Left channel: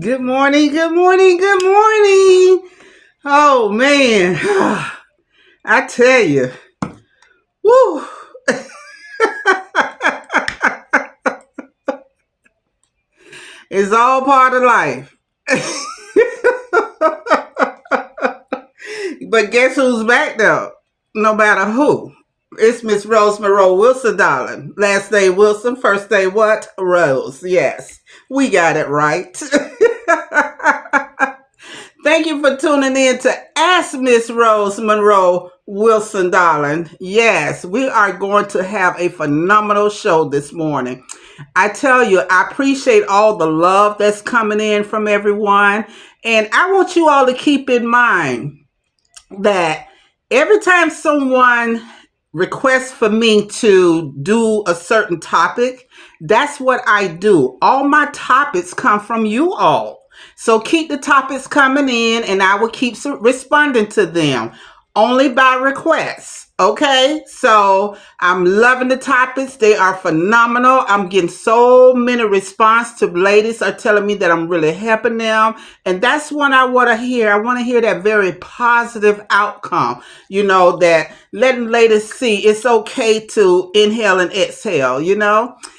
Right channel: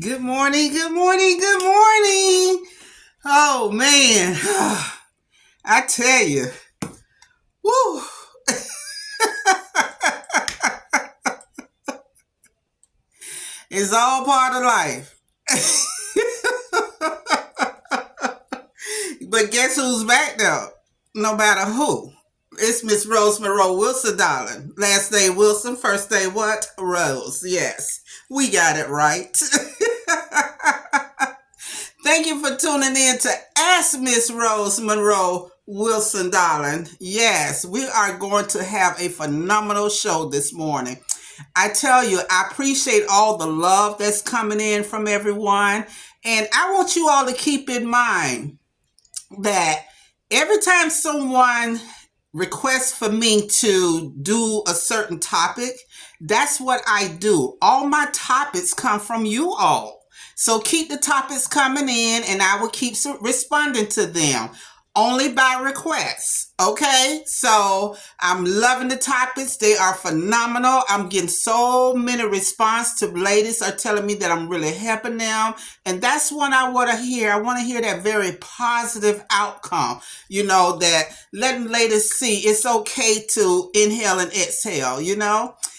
Good morning, good morning, good morning. Oh man, I tell you, woo, it's all part of life. But guess who's back though? No matter who. It's Miss Rose Monroe Wilson, darling. Last name Wilson, first name what? Rose. Yes, we got it right. Thank you for tuning in to Ask Miss Rose Monroe Wilson, darling. Yes, we are going to have a phenomenal show this morning. I tell you, I appreciate all the love that's coming in from everyone. And I want you all to keep in mind that every time someone requests for me to do a certain topic, that's what I do. All my topics come from you all. So keep the topics coming in and I will keep responding to them only by request. Okay, so I'm loving the topics. They are phenomenal. I'm getting so many responses to ladies are telling me that I'm really helping them. And that's what I want to hear. I want to hear that very positive outcome. That letting ladies see it's okay to inhale and exhale.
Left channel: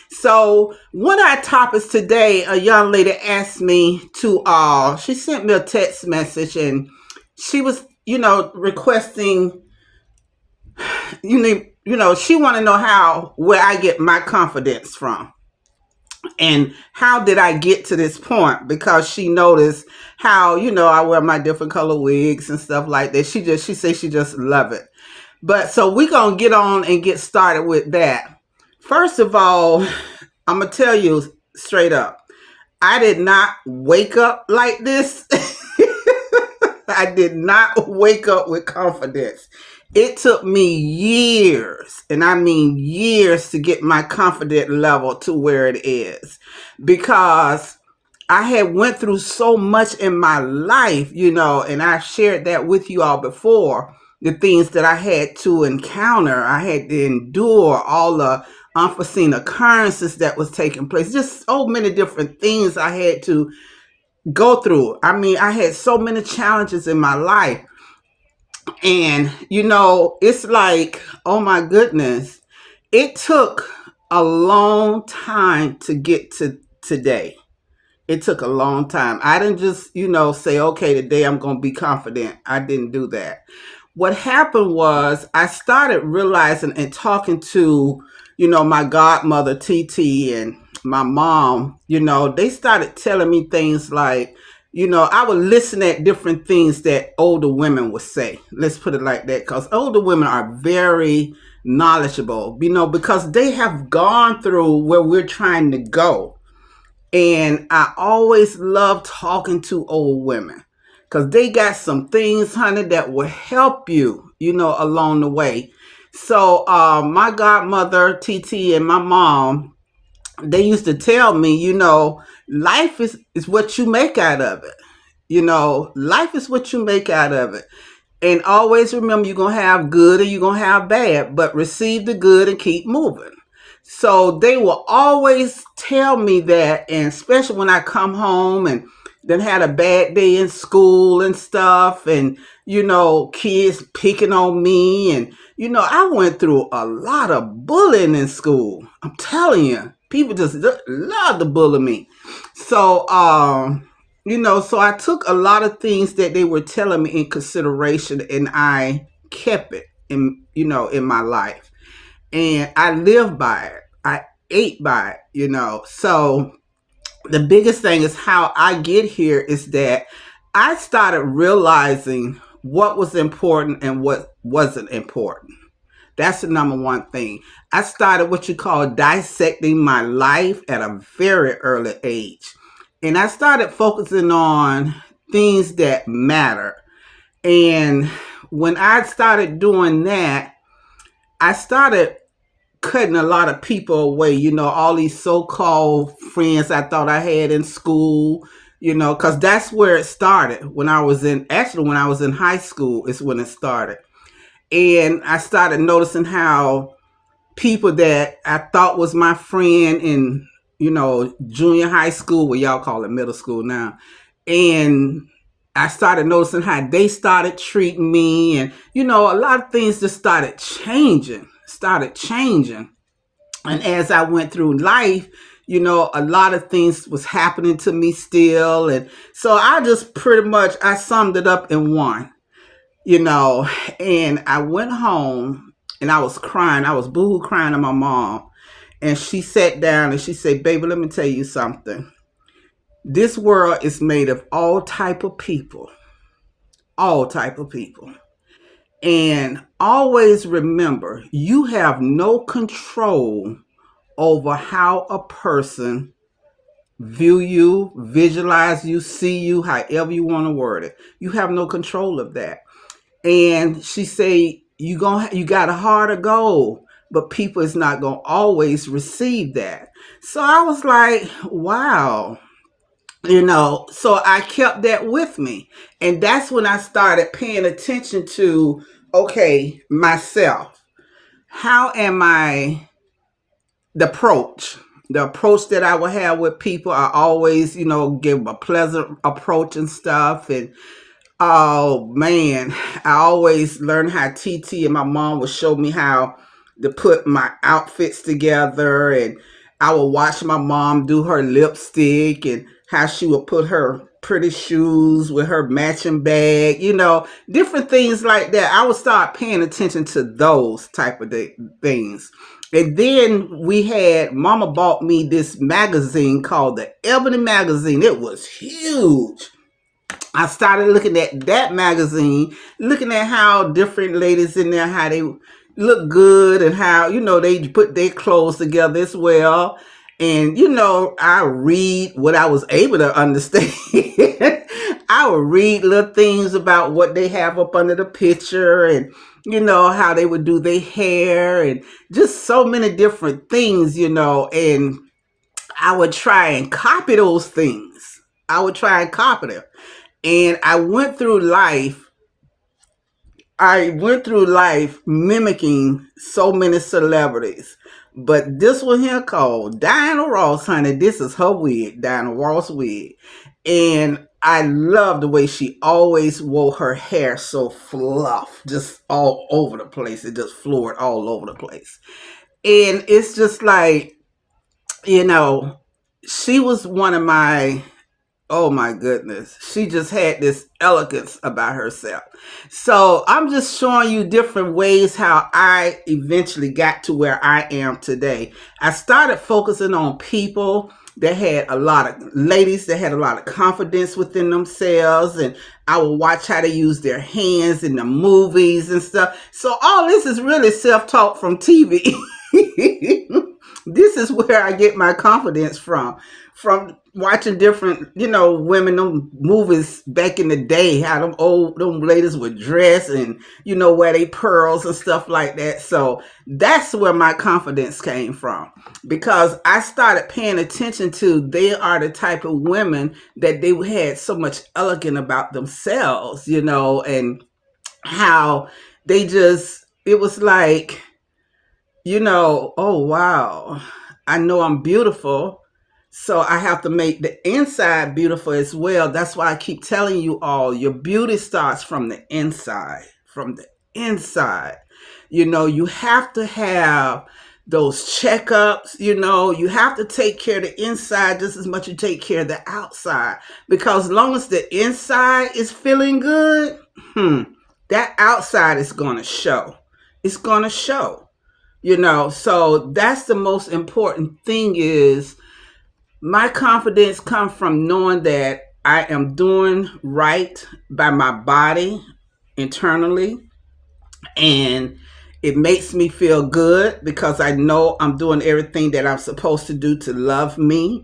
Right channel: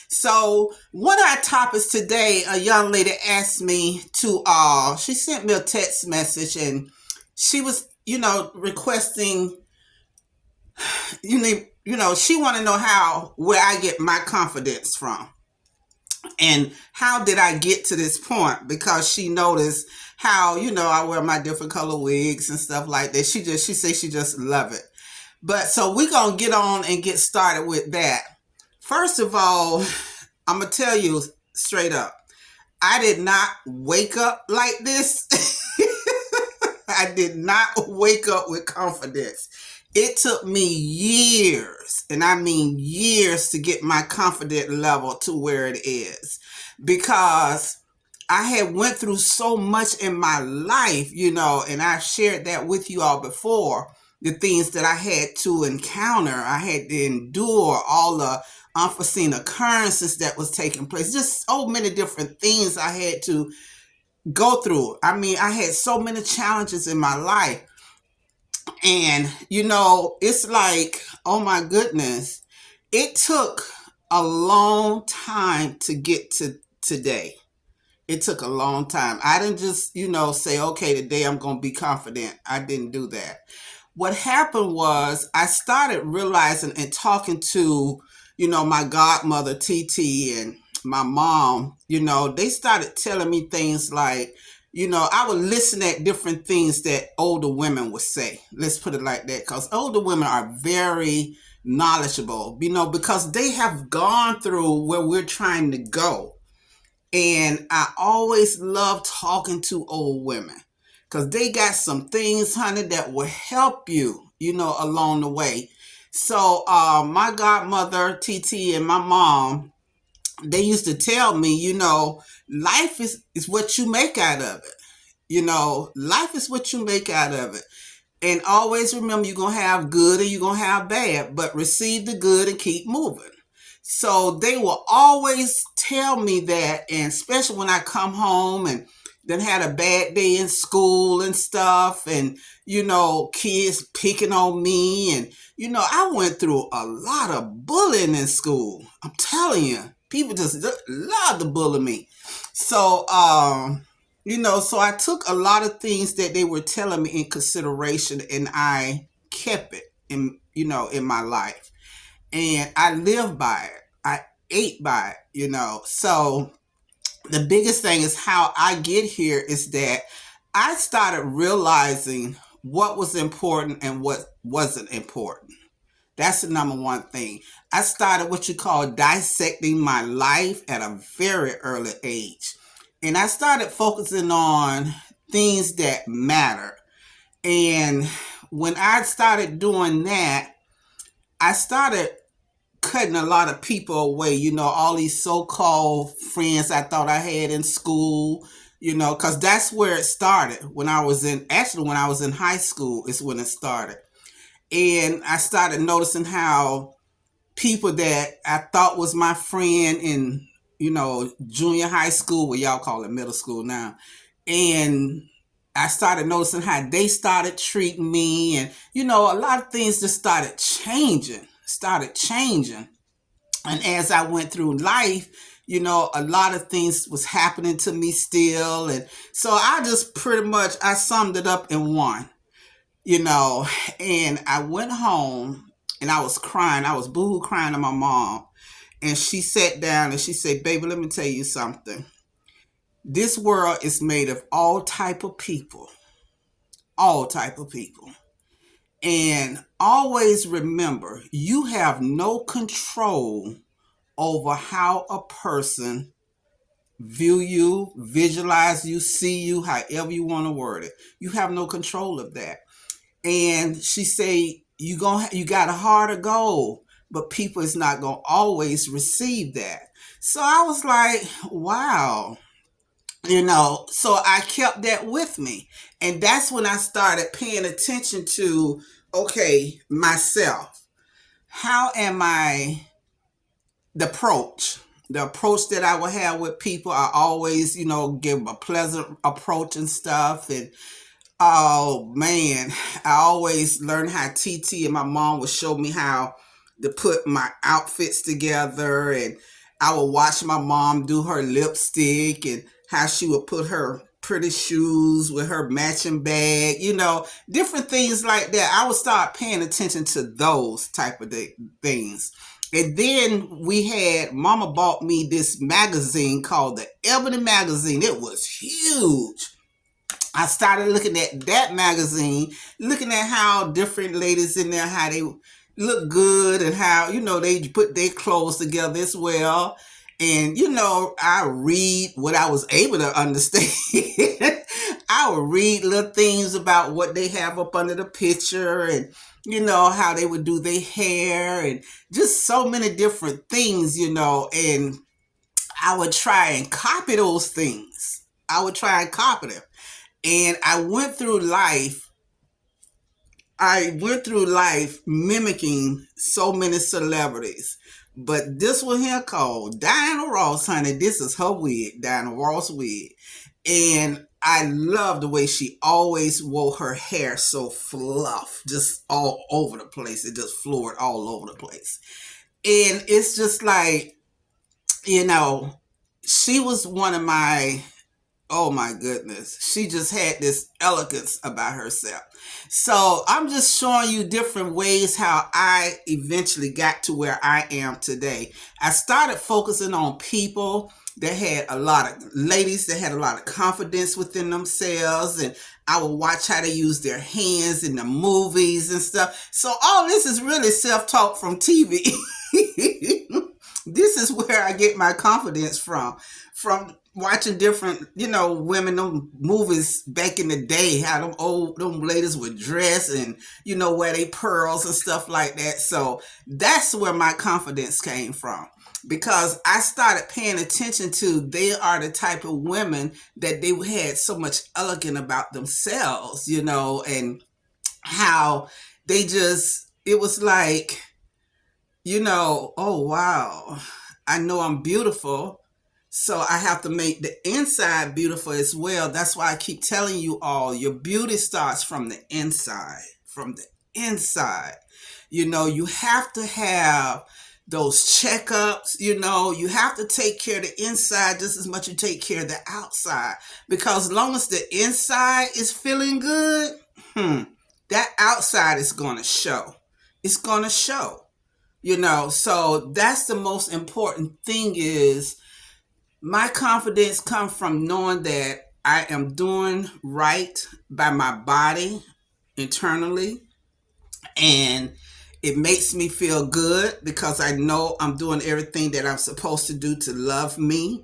So one of our topics today, a young lady asked me she sent me a text message and she was, requesting, she want to know where I get my confidence from and how did I get to this point because she noticed how, I wear my different color wigs and stuff like that. She says she just love it. But so we're going to get on and get started with that. First of all, I'm going to tell you straight up. I did not wake up like this. I did not wake up with confidence. It took me years, and I mean years, to get my confidence level to where it is because I had went through so much in my life, and I've shared that with you all before. The things that I had to encounter, I had to endure all the unforeseen occurrences that was taking place. Just so many different things I had to go through. I mean, I had so many challenges in my life. And, it's like, oh my goodness, it took a long time to get to today. It took a long time. I didn't just, say, okay, today I'm going to be confident. I didn't do that. What happened was I started realizing and talking to, my godmother, TT, and my mom, they started telling me things like, I would listen at different things that older women would say. Let's put it like that, because older women are very knowledgeable, because they have gone through where we're trying to go. And I always love talking to old women because they got some things, honey, that will help you, along the way. So my godmother, TT, and my mom, they used to tell me, life is what you make out of it. Life is what you make out of it. And always remember, you're going to have good and you're going to have bad, but receive the good and keep moving. So they will always tell me that, and especially when I come home and then had a bad day in school and stuff, and, kids picking on me. And, I went through a lot of bullying in school. I'm telling you, people just love to bully me. So, so I took a lot of things that they were telling me in consideration and I kept it in my life. And I lived by it. I ate by it, So the biggest thing is how I get here is that I started realizing what was important and what wasn't important. That's the number one thing. I started what you call dissecting my life at a very early age. And I started focusing on things that matter. And when I started doing that, I started cutting a lot of people away, all these so-called friends I thought I had in school, because that's where it started. When I was in high school is when it started. And I started noticing how people that I thought was my friend in, junior high school, what y'all call it middle school now. And I started noticing how they started treating me. And, a lot of things just started changing. And as I went through life, a lot of things was happening to me still. And so I just pretty much, I summed it up in one, and I went home and I was crying. I was boohoo crying to my mom. And she sat down and she said, baby, let me tell you something. This world is made of all type of people. All type of people. And always remember, you have no control over how a person view you, visualize you, see you, however you want to word it. You have no control of that. And she said, you got a heart of gold, but people is not going to always receive that. So I was like, wow. So I kept that with me. And that's when I started paying attention to, okay, myself. How am I, the approach that I would have with people, I always, give a pleasant approach and stuff. And oh man, I always learned how TT and my mom would show me how to put my outfits together. And I would watch my mom do her lipstick and how she would put her pretty shoes with her matching bag, different things like that. I would start paying attention to those type of things. And then Mama bought me this magazine called the Ebony Magazine. It was huge. I started looking at that magazine, looking at how different ladies in there, how they look good and how, they put their clothes together as well. And, I read what I was able to understand. I would read little things about what they have up under the picture and, how they would do their hair and just so many different things, and I would try and copy those things. I would try and copy them. And I went through life mimicking so many celebrities. But this one here called Diana Ross, honey, this is her wig, Diana Ross wig. And I love the way she always wore her hair so fluff, just all over the place. It just floored all over the place. And it's just like, she was one of my, oh my goodness, she just had this elegance about herself. So I'm just showing you different ways how I eventually got to where I am today. I started focusing on people that had ladies that had a lot of confidence within themselves, and I would watch how they use their hands in the movies and stuff. So all this is really self-taught from TV. This is where I get my confidence from watching different, women, them movies back in the day, how them ladies would dress and, wear they pearls and stuff like that. So that's where my confidence came from, because I started paying attention to, they are the type of women that they had so much elegant about themselves, and how they just, it was like, oh, wow, I know I'm beautiful. So I have to make the inside beautiful as well. That's why I keep telling you all, your beauty starts from the inside, you have to have those checkups, you have to take care of the inside just as much as you take care of the outside. Because as long as the inside is feeling good, that outside is going to show. It's going to show, so that's the most important thing. Is my confidence comes from knowing that I am doing right by my body internally, and it makes me feel good because I know I'm doing everything that I'm supposed to do to love me.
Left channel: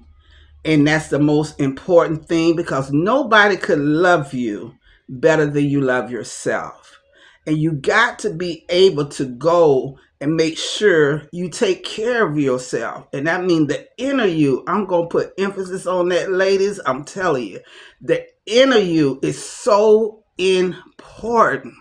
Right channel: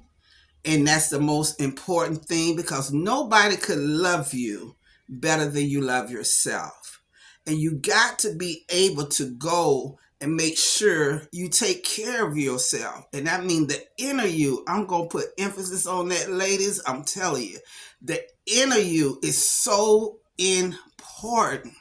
And that's the most important thing, because nobody could love you better than you love yourself. And you got to be able to go and make sure you take care of yourself. And that means the inner you. I'm going to put emphasis on that, ladies. I'm telling you, the inner you is so important.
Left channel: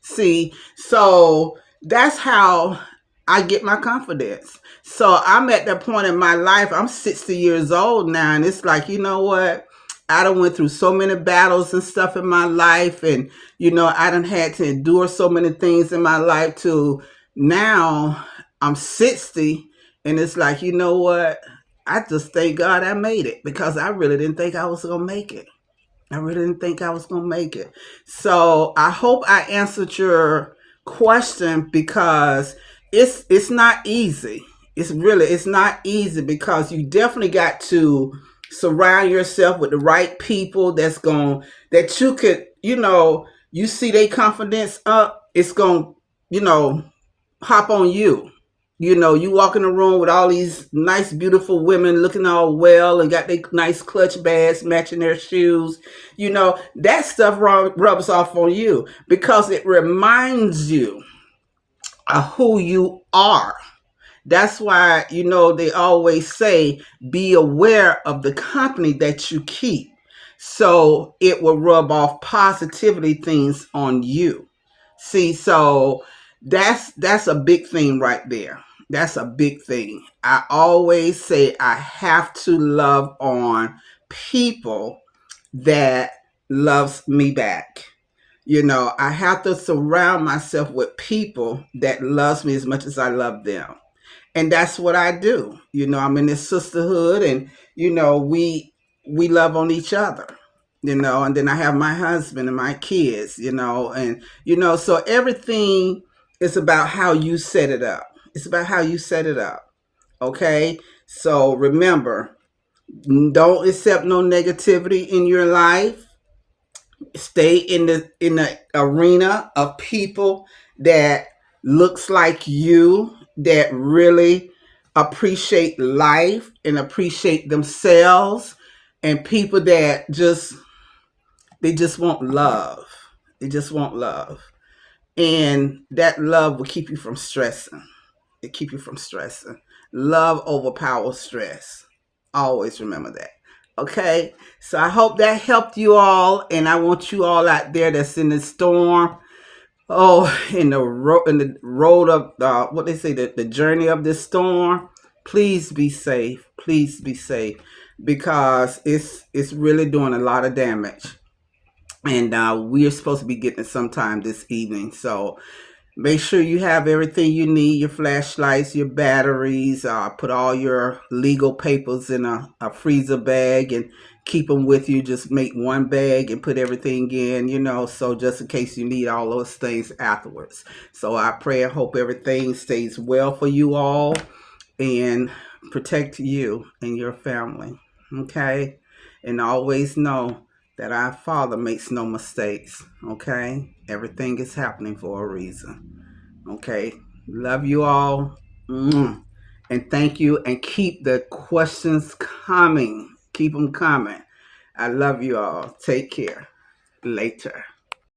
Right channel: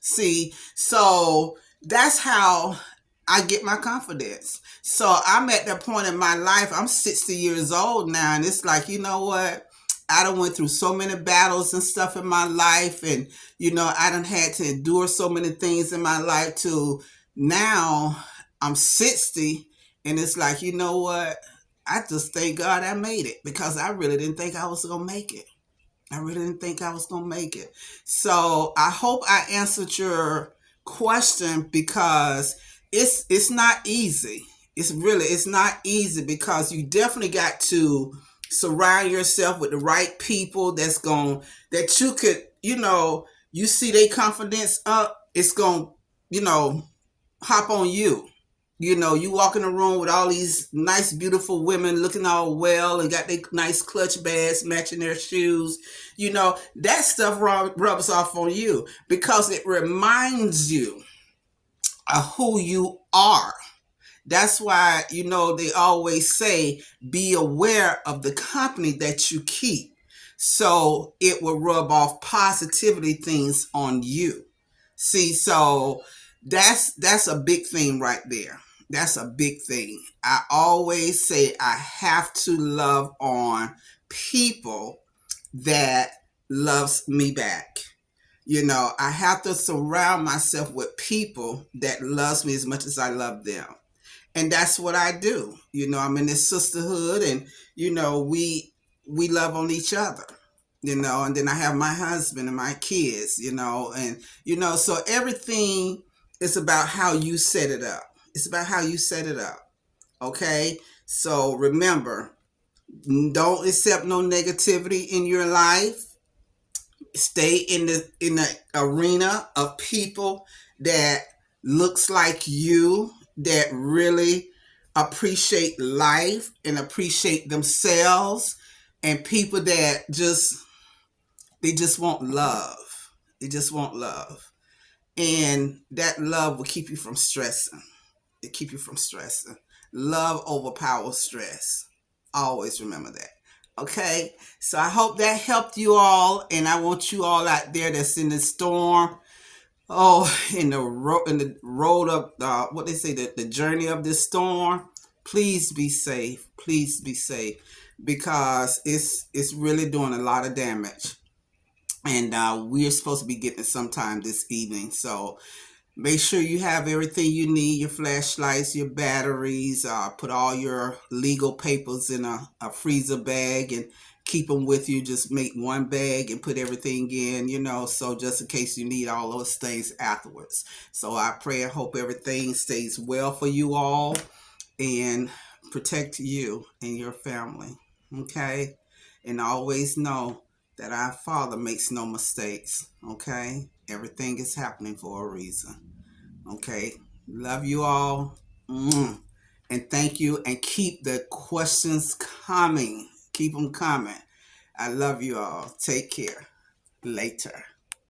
See, so that's how I get my confidence. So I'm at that point in my life. I'm 60 years old now, and it's like, you know what? I done went through so many battles and stuff in my life, and I done had to endure so many things in my life to now I'm 60, and it's like, you know what? I just thank God I made it because I really didn't think I was gonna make it. I really didn't think I was gonna make it. So I hope I answered your question because it's not easy. It's not easy because you definitely got to surround yourself with the right people that you could, you see their confidence up, it's gonna, you know, hop on you. You walk in the room with all these nice, beautiful women looking all well and got their nice clutch bags matching their shoes. That stuff rubs off on you because it reminds you of who you are. That's why, they always say, be aware of the company that you keep. So it will rub off positivity things on you. See, so that's a big thing right there. That's a big thing. I always say I have to love on people that loves me back. I have to surround myself with people that loves me as much as I love them. And that's what I do. I'm in this sisterhood, and we love on each other. And then I have my husband and my kids. And so everything is about how you set it up. It's about how you set it up. Okay? So remember, don't accept no negativity in your life. Stay in the arena of people that looks like you, that really appreciate life and appreciate themselves, and people that just want love. They just want love. And that love will keep you from stressing. It keep you from stressing. Love overpowers stress. Always remember that. Okay? So I hope that helped you all, and I want you all out there that's in the storm. Oh, in the road of what they say, the journey of this storm. Please be safe. Please be safe because it's really doing a lot of damage, and we are supposed to be getting it sometime this evening. So make sure you have everything you need, your flashlights, your batteries, put all your legal papers in a freezer bag and keep them with you. Just make one bag and put everything in, so just in case you need all those things afterwards. So I pray and hope everything stays well for you all and protect you and your family. Okay? And always know that our Father makes no mistakes. Okay? Everything is happening for a reason. Okay. Love you all. And thank you. And keep the questions coming. Keep them coming. I love you all. Take care. Later.